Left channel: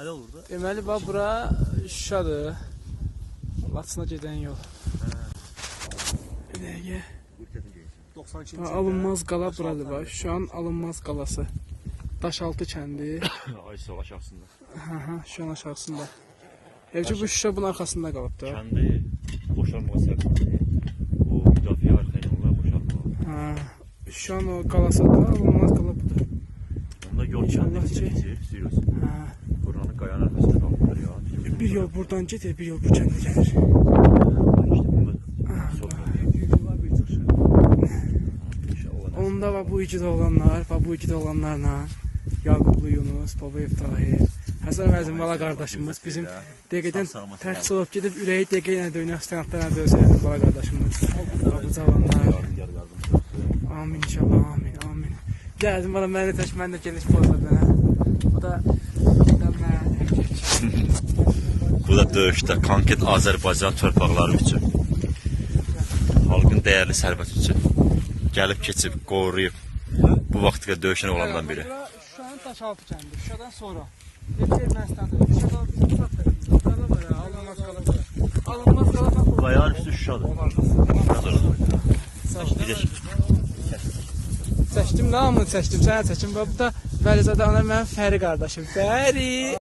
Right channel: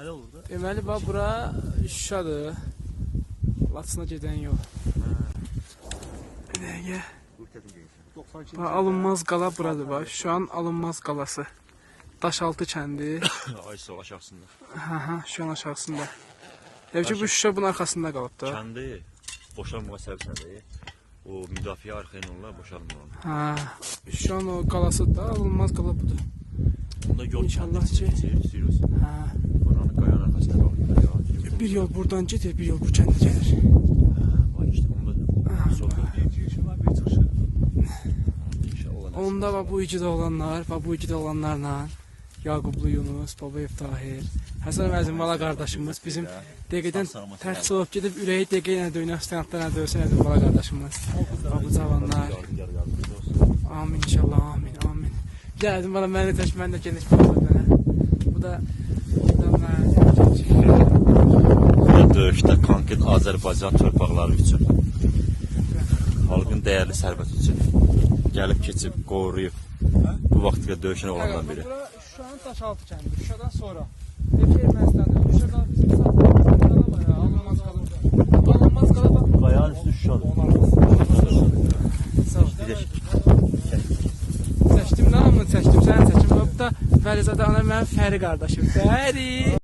Hələ olur da. Deməli, bax, bura Şuşadır. Laçına gedən yol. Bir dəqiqə. Bax, alınmaz qala buradır, bax. Şuşanın alınmaz qalası. Daşaltı kəndi. Ay sol aşağısında. Şuşanın aşağısında. Ki bu Şuşa bunun arxasında qalıb da. Kəndi boşalmağa səbəbsədir. O müdafiə arxayınlar boşalmağa. Şuşanın o qalası da alınmaz qala budur. Onda yol İnşallah ki. Buranın qayanın arxasında qalıb. Bir yol buradan gedir, bir yol bu kəndə gəlir. Onda bax bu ikidə olanlar, bax bu ikidə olanlarla Yaqublu Yunus, Babayev Tahir, Həsən Əmərcim bala qardaşımız bizim dəqiqədən tərk olub gedib ürəyi dəqiqə ilə döynək istəyənlərlə dövsəyədir bala qardaşımız. Bax bu cavanlar. Amin inşallah, amin, amin. Gəldim bana məni tək, mən də geniş bağladım. Bu da Bu da döyüşdə konkret Azərbaycan torpaqları üçün, xalqın dəyərli sərvəti üçün gəlib keçib, qoruyub bu vaxtda döyüşən olandan biri. Şuşanın Daşaltı kəndi, Şuşadan sonra. Qayanın üstü Şuşadır. Çəkdim, hamını çəkdim, səni çəkim. Bu da Vəlizadə ana mənim Fəri qardaşım. Fəri!